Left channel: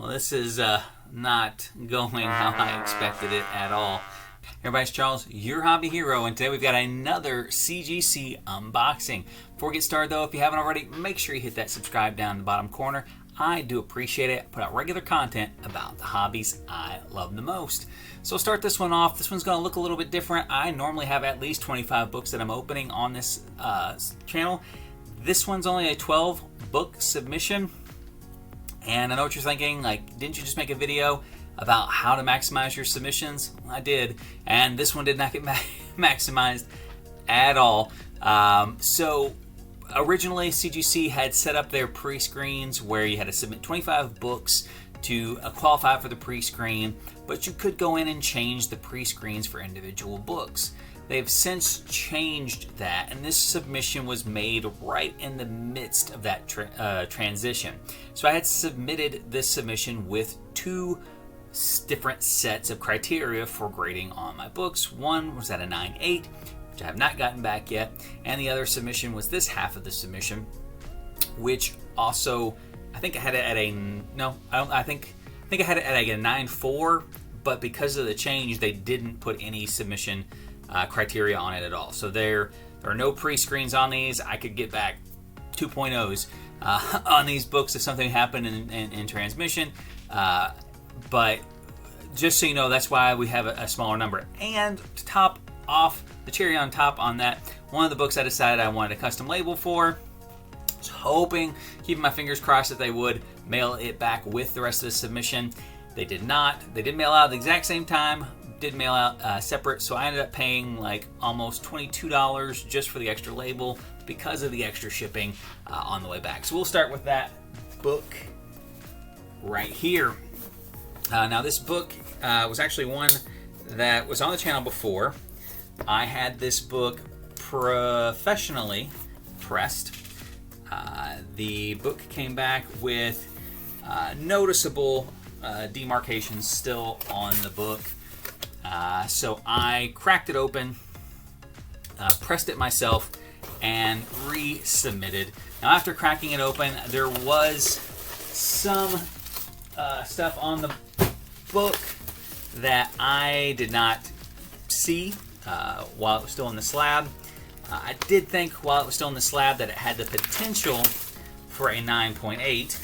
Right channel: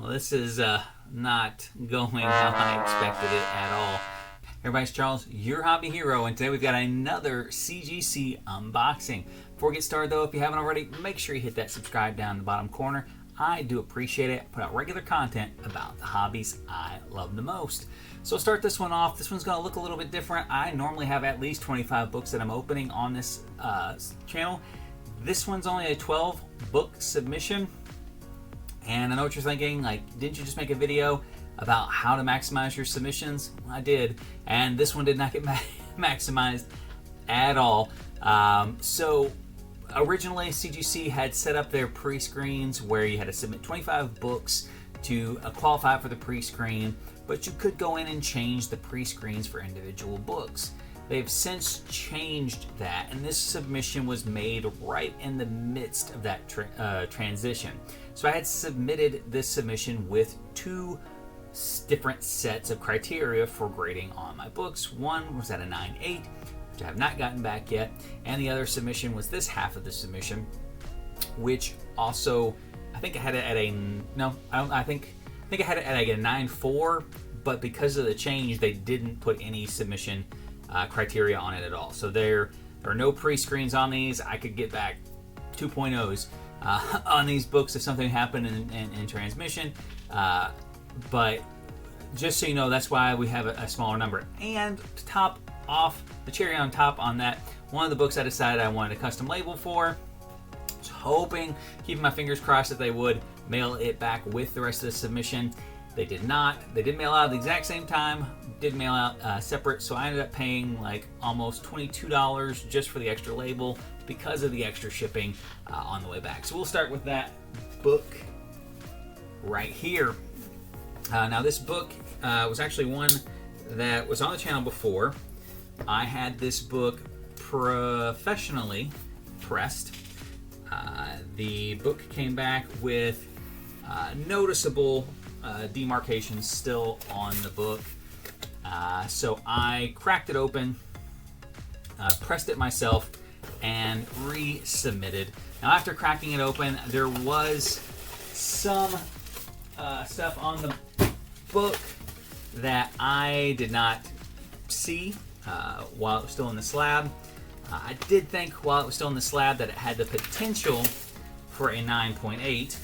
Well, this is not going how I expected it at all. Everybody's Charles, your hobby hero, and today we've got another CGC unboxing. Before we get started though, if you haven't already, make sure you hit that subscribe down in the bottom corner. I do appreciate it. I put out regular content about the hobbies I love the most. So I'll start this one off. This one's going to look a little bit different. I normally have at least 25 books that I'm opening on this channel. This one's only a 12 book submission. And I know what you're thinking, like, didn't you just make a video about how to maximize your submissions? Well, I did, and this one did not get maximized at all. So originally CGC had set up their pre-screens where you had to submit 25 books to qualify for the pre-screen, but you could go in and change the pre-screens for individual books. They've since changed that, and this submission was made right in the midst of that transition. So I had submitted this submission with two different sets of criteria for grading on my books. One was at a 9.8, which I have not gotten back yet, and the other submission was this half of the submission, which also I think I had it at a I think I had it at a 9.4, but because of the change, they didn't put any submission criteria on it at all. So there are no pre-screens on these. I could get back 2.0s on these books if something happened in transmission. But just so you know, that's why we have a smaller number. And to top off the cherry on top on that, one of the books I decided I wanted a custom label for. I was hoping, keeping my fingers crossed, that they would mail it back with the rest of the submission. They did not. They did mail out at the exact same time, did mail out separate, so I ended up paying like almost $22 just for the extra label because of the extra shipping on the way back. So we'll start with that book right here. Now this book was actually one that was on the channel before. I had this book professionally pressed. The book came back with noticeable demarcations still on the book. So I cracked it open, pressed it myself, and resubmitted. Now after cracking it open, there was some stuff on the book that I did not see while it was still in the slab. I did think while it was still in the slab that it had the potential for a 9.8,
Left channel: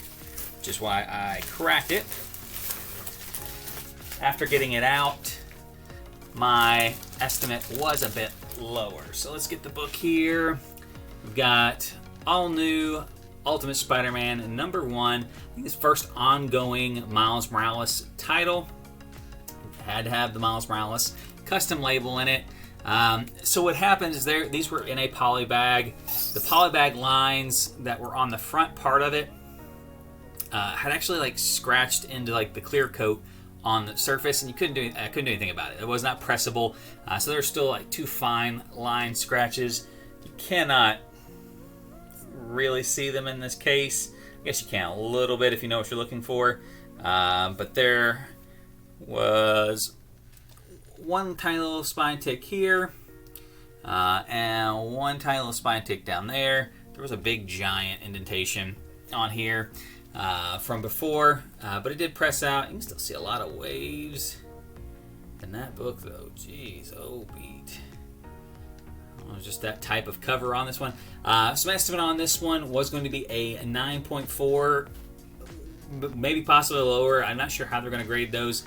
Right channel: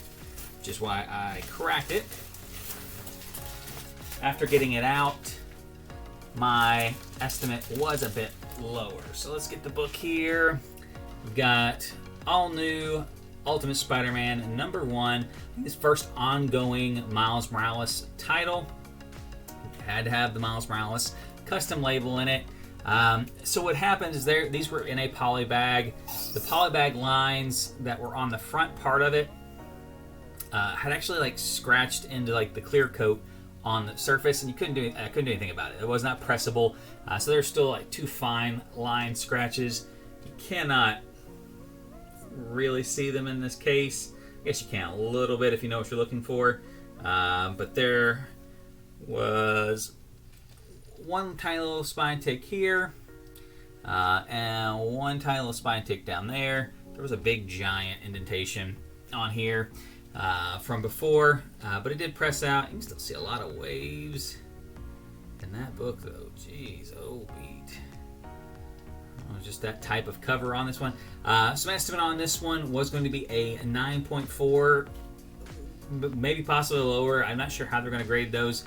which is why I cracked it. After getting it out, my estimate was a bit lower. So let's get the book here. We've got all new Ultimate Spider-Man #1. I think it's first ongoing Miles Morales title. Had to have the Miles Morales custom label in it. So what happens is these were in a poly bag. The poly bag lines that were on the front part of it had actually like scratched into like the clear coat on the surface, and I couldn't do anything about it. It was not pressable, so there's still like two fine line scratches. You cannot really see them in this case. I guess you can a little bit if you know what you're looking for, but there was one tiny little spine tick here, and one tiny little spine tick down there. There was a big giant indentation on here from before, but it did press out. You can still see a lot of waves in that book though. Jeez, oh beat. Oh, just that type of cover on this one. So my estimate on this one was going to be a 9.4, maybe possibly lower. I'm not sure how they're going to grade those.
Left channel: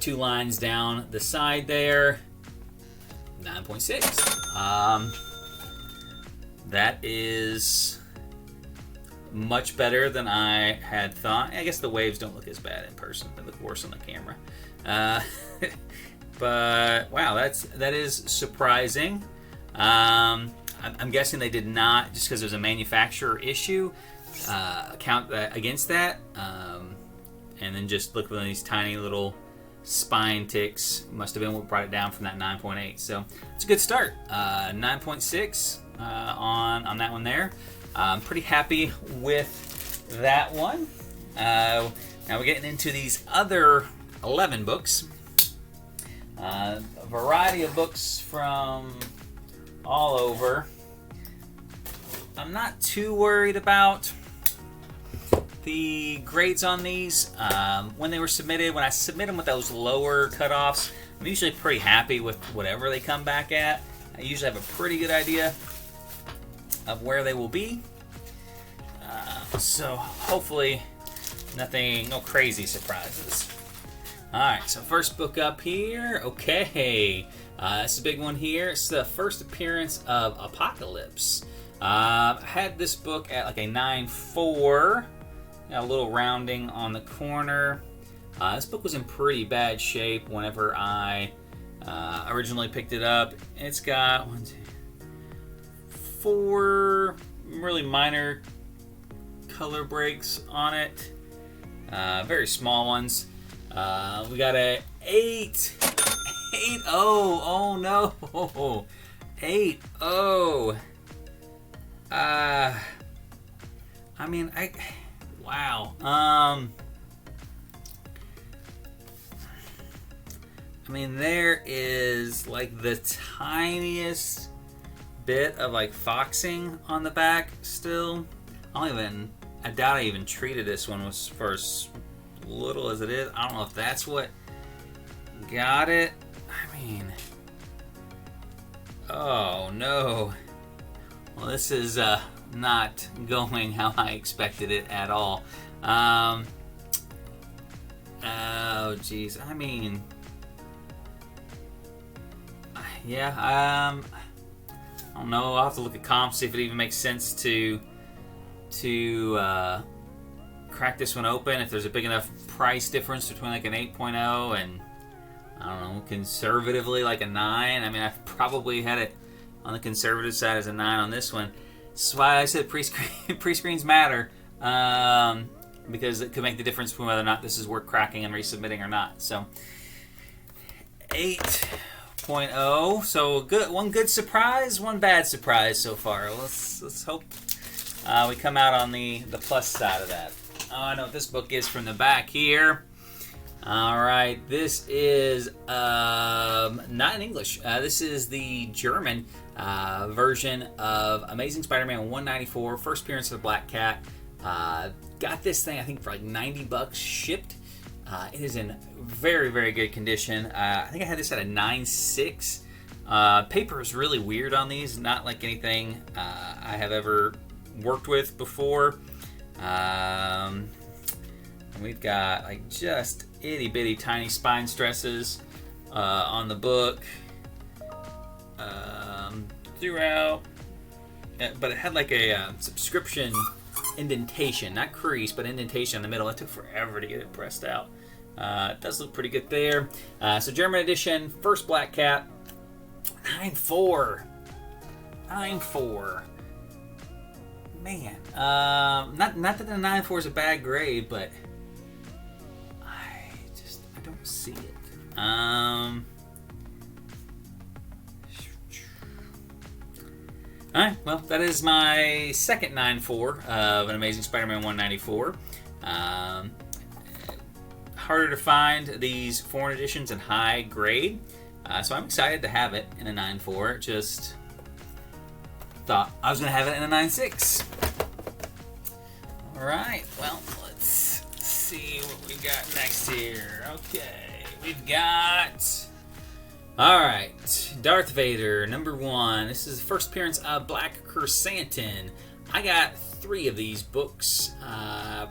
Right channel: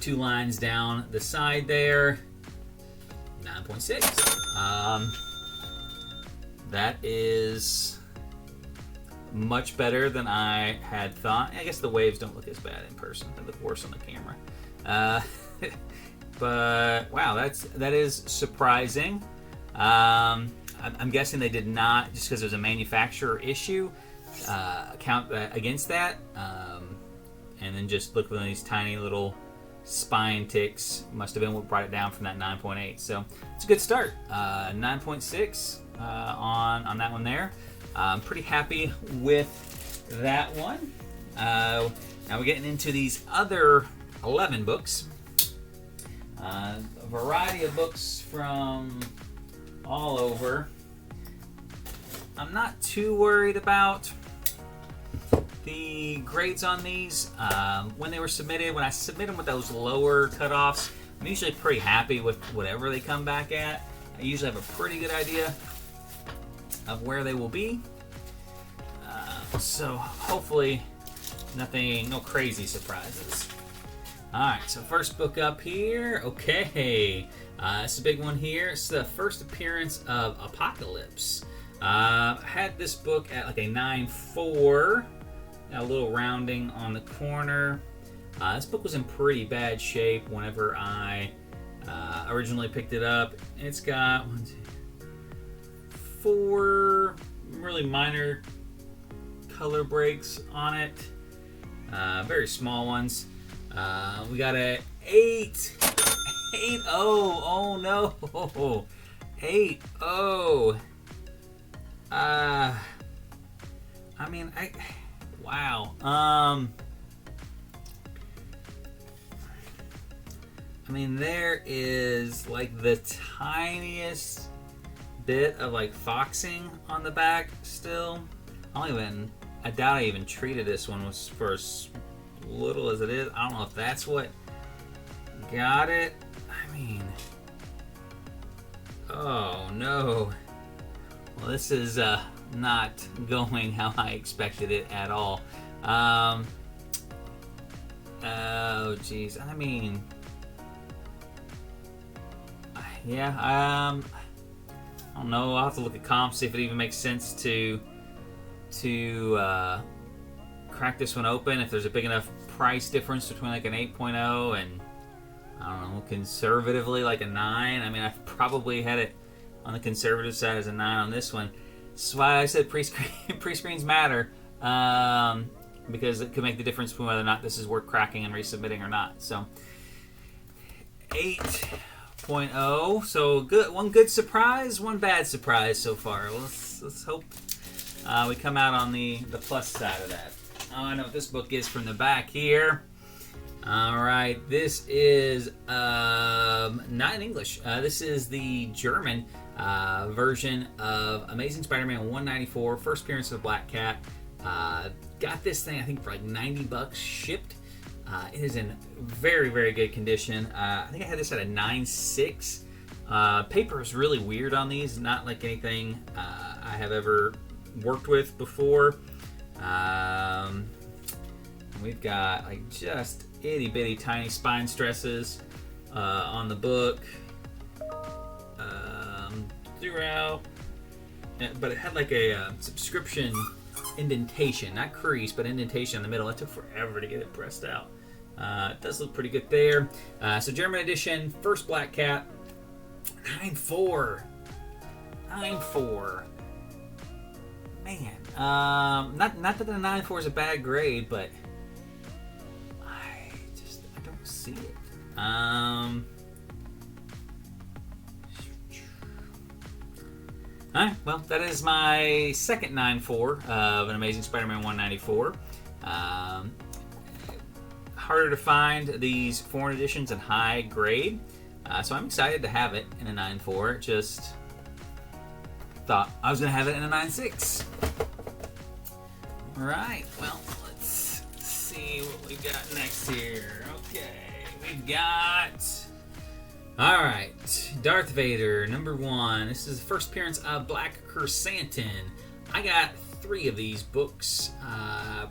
Two lines down the side there, 9.6. That is much better than I had thought. I guess the waves don't look as bad in person. They look worse on the camera. But wow, that is surprising. I'm guessing they did not, just because there's a manufacturer issue, count against that. And then just look at these tiny little spine ticks. Must have been what brought it down from that 9.8. So it's a good start. 9.6 on that one there. I'm pretty happy with that one. Now we're getting into these other 11 books. A variety of books from all over. I'm not too worried about the grades on these when they were submitted. When I submit them with those lower cutoffs, I'm usually pretty happy with whatever they come back at. I usually have a pretty good idea of where they will be. So hopefully no crazy surprises. Alright, so first book up here. Okay, it's a big one here. It's the first appearance of Apocalypse. I had this book at like a 9.4. Got a little rounding on the corner. This book was in pretty bad shape whenever I originally picked it up. It's got 4 really minor color breaks on it. Very small ones. We got a 8.0. Oh no. 8.0. Wow. There is like the tiniest bit of like foxing on the back still. I doubt I even treated this one was for as little as it is. I don't know if that's what got it. Oh no. Well, this is not going how I expected it at all. Oh geez. Yeah. I don't know. I'll have to look at comps, see if it even makes sense to crack this one open. If there's a big enough price difference between like an 8.0 and I don't know, conservatively like a 9. I've probably had it on the conservative side as a 9 on this one. That's why I said pre-screens matter, because it could make the difference between whether or not this is worth cracking and resubmitting or not. So 8.0. So one good surprise, one bad surprise so far. Let's hope we come out on the plus side of that. Oh, I know what this book is from the back here. All right, this is not in English. This is the German version of Amazing Spider-Man 194, first appearance of the Black Cat. Got this thing, I think, for like $90 shipped. It is in very, very good condition. I think I had this at a 9.6. Paper is really weird on these, not like anything I have ever worked with before. We've got like just itty bitty tiny spine stresses on the book throughout, but it had like a subscription indentation, not crease, but indentation in the middle. It took forever to get it pressed out. It does look pretty good there. So German edition, first Black Cat, 9.4. 9.4. Man, not that the 9.4 is a bad grade, but I don't see it. Alright, well, that is my second 9.4 of an Amazing Spider-Man 194. Harder to find these foreign editions in high grade, so I'm excited to have it in a 9.4. Just thought I was going to have it in a 9.6. Alright, well, let's see what we got next here. Okay, we've got... Alright, Darth Vader, number 1. This is the first appearance of Black Chrysanthemum. I got 3 of these books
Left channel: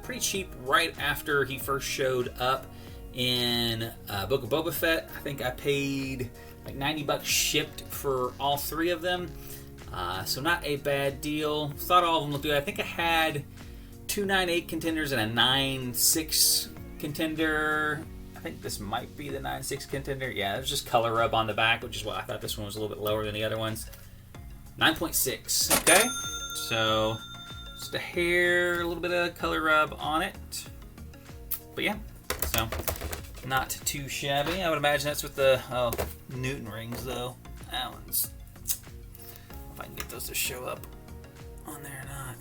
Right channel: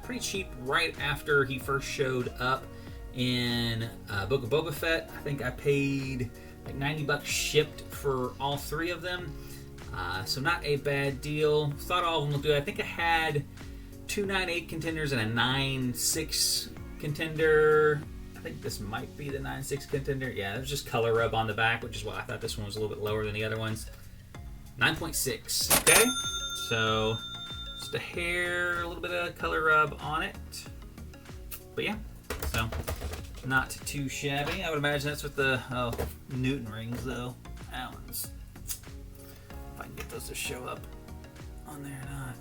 pretty cheap right after he first showed up in Book of Boba Fett. I think I paid like $90 shipped for all 3 of them. So not a bad deal. Thought all of them looked good. I think I had 2 9.8 contenders and a 9.6 contender. I think this might be the 9.6 contender. Yeah, there's just color rub on the back, which is why I thought this one was a little bit lower than the other ones. 9.6. Okay, so just a hair, a little bit of color rub on it. But yeah, so not too shabby. I would imagine that's with the Newton rings, though. That one's... If I can get those to show up on there or not.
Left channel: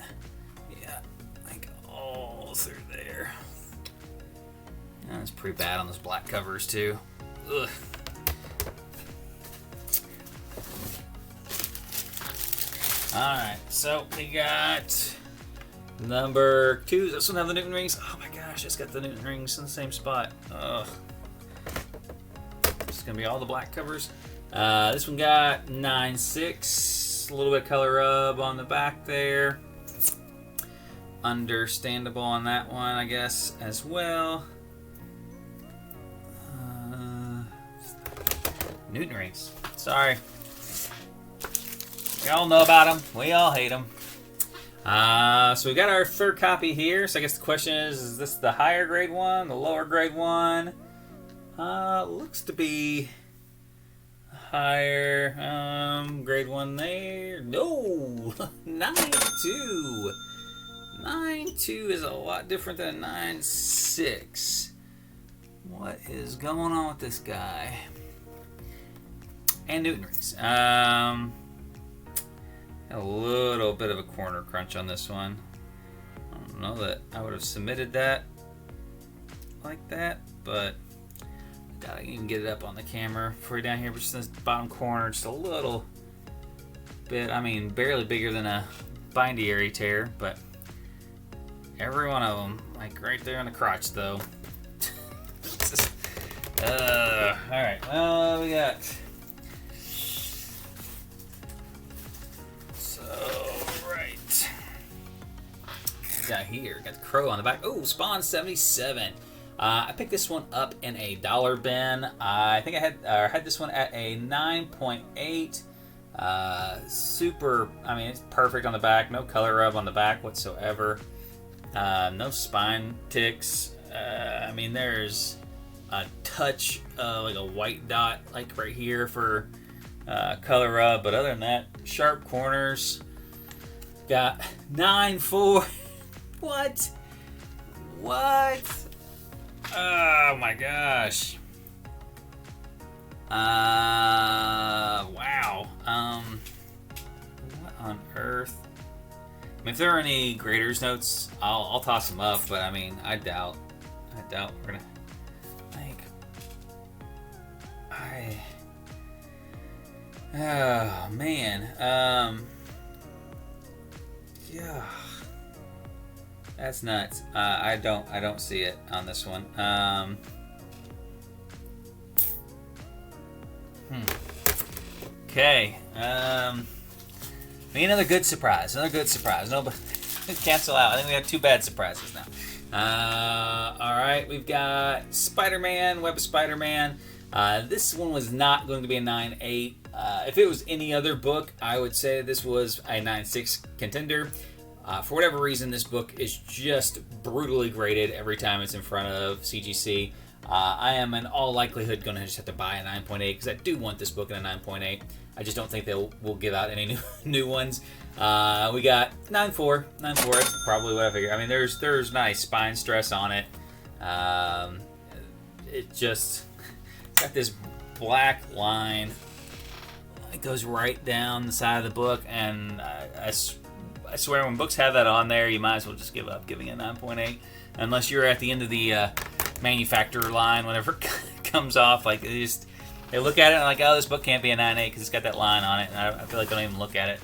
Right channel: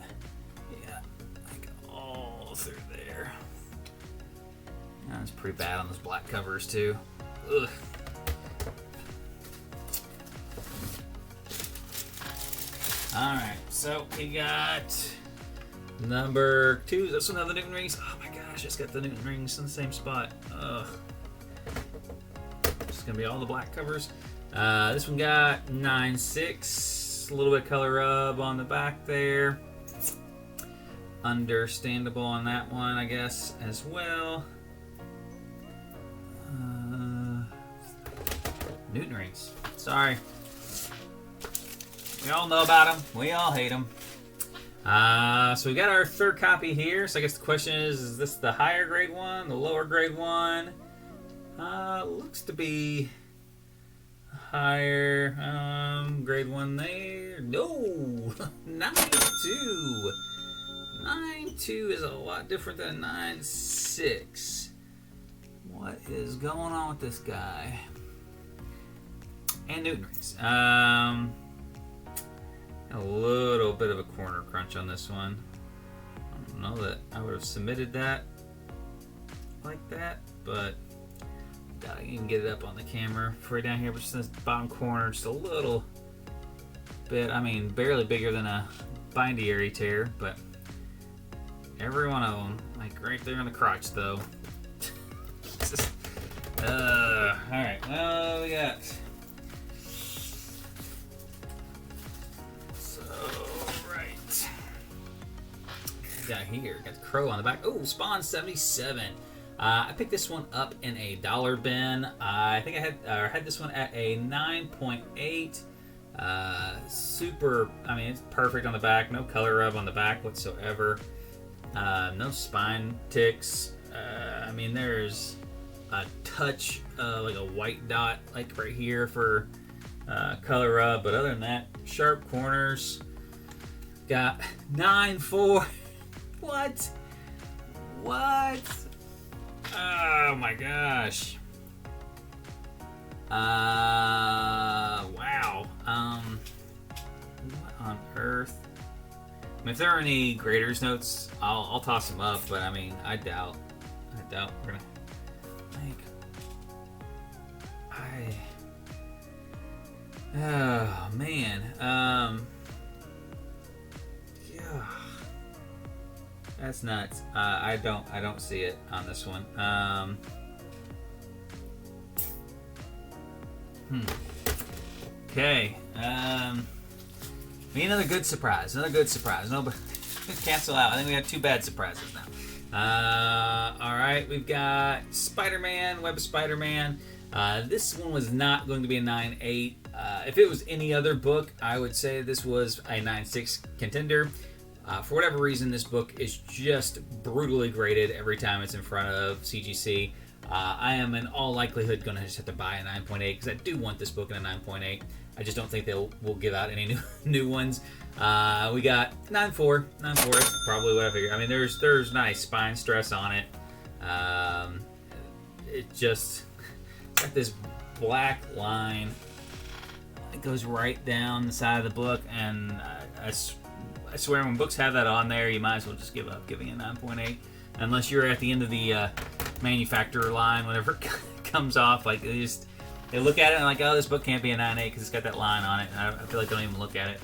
Yeah, like all through there. That's pretty bad on those black covers too. Ugh. Alright, so we got Number 2, does this one have the Newton rings? Oh my gosh, it's got the Newton rings in the same spot. Ugh. It's gonna be all the black covers. This one got 9.6. A little bit of color rub on the back there. Understandable on that one, I guess, as well. Newton rings. Sorry. We all know about them. We all hate them. So we got our third copy here. So I guess the question is this the higher grade one, the lower grade one? Looks to be higher grade one there. No, 9.2. 9.2 is a lot different than 9.6. What is going on with this guy? And Newton rings. A little bit of a corner crunch on this one. I don't know that I would have submitted that like that, but gotta even get it up on the camera for you down here. But just in this bottom corner, just a little bit. I mean, barely bigger than a bindiary tear, but every one of them, like right there on the crotch, though. All right. Well, we got. Got here, got the crow on the back. Oh, Spawn 77. I picked this one up in a dollar bin. I think I had this one at a 9.8. Super. I mean, it's perfect on the back. No color rub on the back whatsoever. No spine ticks. I mean, there's a touch like a white dot, like right here for color rub, but other than that, sharp corners. Got 9.4. What? Oh my gosh. Wow. What on earth? I mean, if there are any graders notes, I'll toss them up, but I mean, I doubt we're gonna oh man. Yeah. That's nuts. I don't see it on this one. Okay. Be another good surprise. No, but cancel out. I think we have 2 bad surprises now. All right, we've got Spiderman, Web of Spiderman. This one was not going to be a 9.8. If it was any other book, I would say this was a 9.6 contender. For whatever reason, this book is just brutally graded every time it's in front of CGC. I am in all likelihood going to just have to buy a 9.8 because I do want this book in a 9.8. I just don't think will give out any new ones. We got 9.4. 9.4 is probably what I figured. I mean, there's nice spine stress on it. It just got this black line. It goes right down the side of the book, and I swear when books have that on there, you might as well just give up giving it 9.8. Unless you're at the end of the manufacturer line, whenever it comes off. Like, they look at it and like, oh, this book can't be a 9.8 because it's got that line on it. And I feel like they don't even look at it.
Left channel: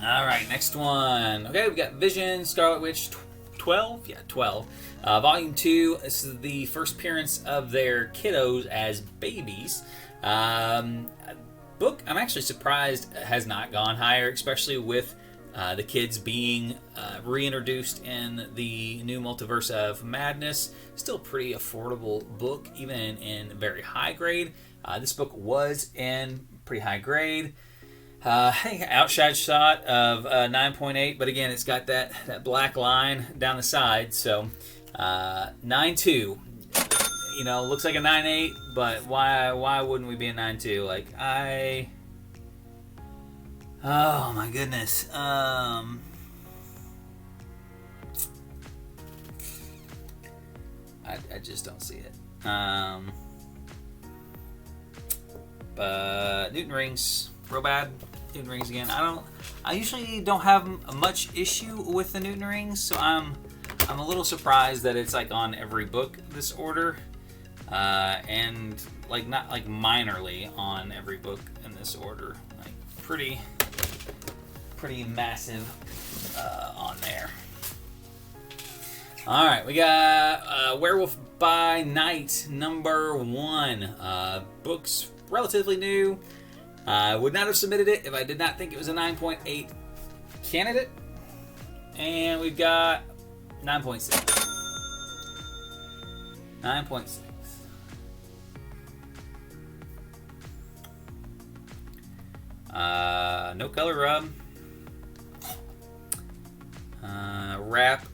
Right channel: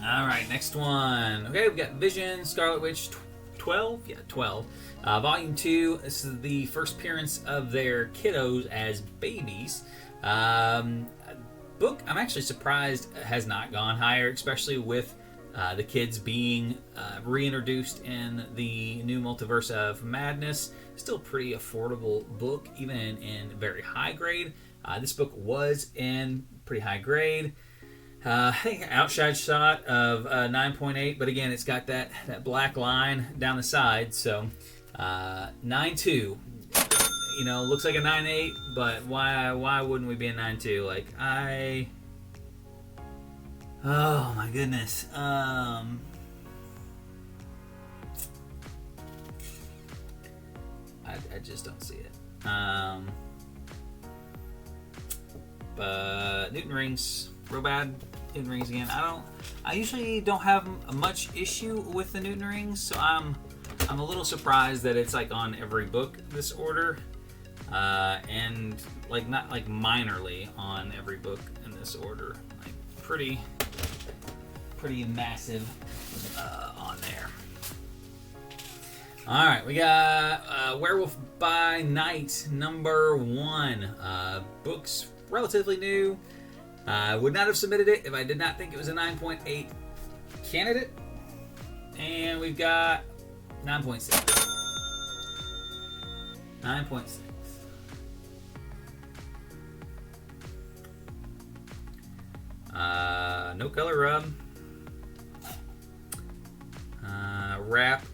All right, next one. Okay, we got Vision, Scarlet Witch 12. Yeah, 12. Volume 2. This is the first appearance of their kiddos as babies. Book, I'm actually surprised has not gone higher, especially with the kids being reintroduced in the new Multiverse of Madness. Still pretty affordable book, even in very high grade. This book was in pretty high grade. Outside shot of 9.8, but again, it's got that black line down the side. So 9.2. You know, looks like a 9.8, but why wouldn't we be a 9.2? Like, oh my goodness. I just don't see it. But Newton rings, real bad. Newton rings again. I usually don't have much issue with the Newton rings, so I'm a little surprised that it's like on every book this order. And like not like minorly on every book in this order. Like pretty pretty massive on there. All right, we got Werewolf by Night #1. Book's relatively new. I would not have submitted it if I did not think it was a 9.8 candidate. And we've got 9.6. 9.6. No color rub. Wrap.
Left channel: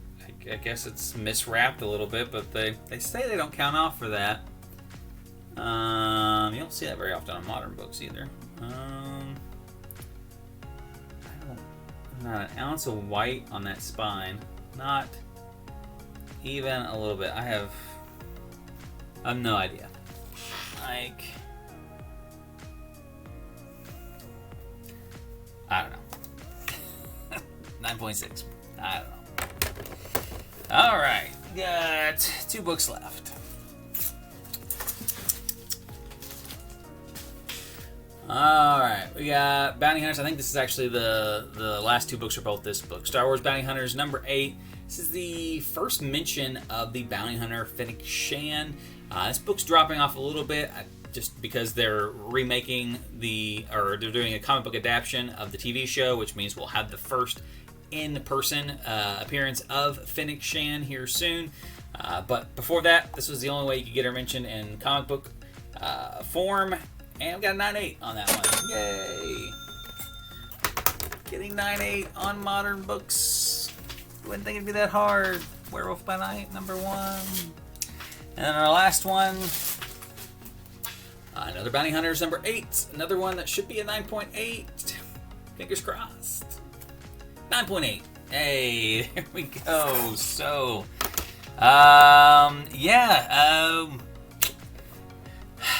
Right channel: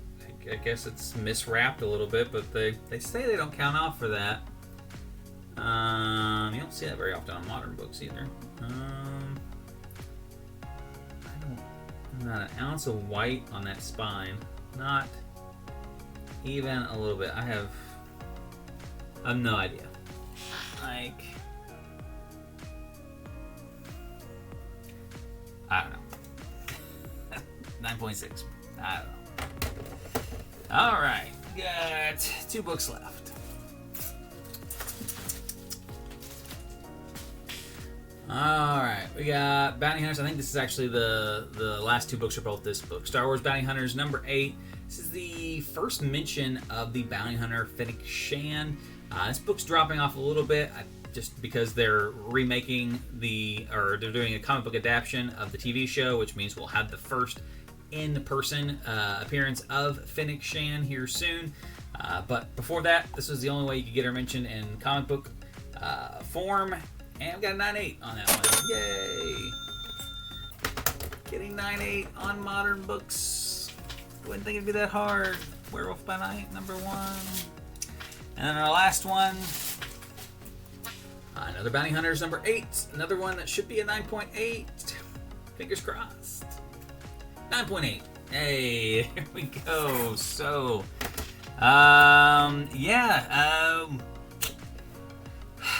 I guess it's miswrapped a little bit, but they say they don't count off for that. You don't see that very often on modern books either. Not an ounce of white on that spine. Not even a little bit. I have no idea. Like, I don't know. 9.6. I don't know. Alright, got 2 books left. Alright, we got Bounty Hunters. I think this is actually the last 2 books are both this book. Star Wars Bounty Hunters #8. This is the first mention of the bounty hunter Fennec Shand. This book's dropping off a little bit just because they're remaking they're doing a comic book adaptation of the TV show, which means we'll have the first in-person appearance of Fennec Shand here soon. But before that, this was the only way you could get her mentioned in comic book form. And we got a 9.8 on that one. Yay! Getting 9.8 on modern books. Wouldn't think it'd be that hard. Werewolf by Night #1. And then our last one, another Bounty Hunters #8. Another one that should be a 9.8. Fingers crossed. 9.8. Hey, here we go. So,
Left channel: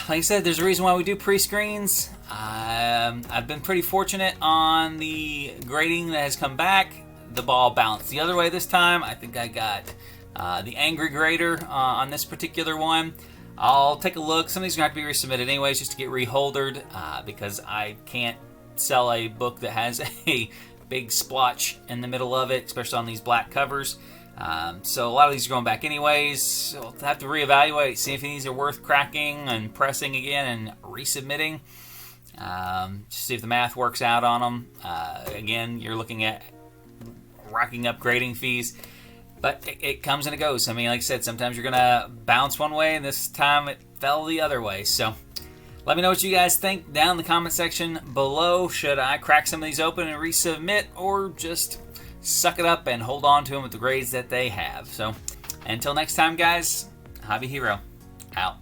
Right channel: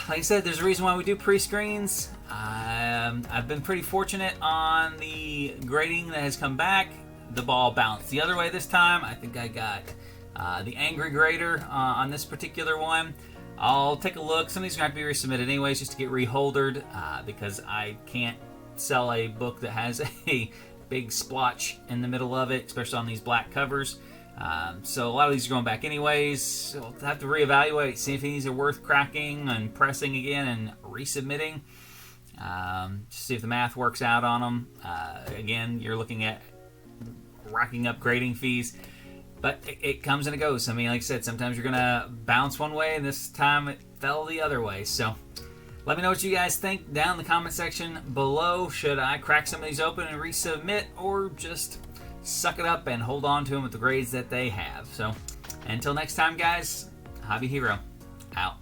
like I said, there's a reason why we do pre-screens. I've been pretty fortunate on the grading that has come back. The ball bounced the other way this time. I think I got the angry grader on this particular one. I'll take a look. Some of these are going to have to be resubmitted anyways just to get reholdered because I can't sell a book that has a big splotch in the middle of it, especially on these black covers. So a lot of these are going back anyways. So I'll have to reevaluate, see if these are worth cracking and pressing again and resubmitting. Just see if the math works out on them. Again, you're looking at racking up grading fees, but it comes and it goes. I mean, like I said, sometimes you're gonna bounce one way, and this time it fell the other way. So let me know what you guys think down in the comment section below. Should I crack some of these open and resubmit, or just suck it up and hold on to them with the grades that they have? So until next time, guys, Hobby Hero out.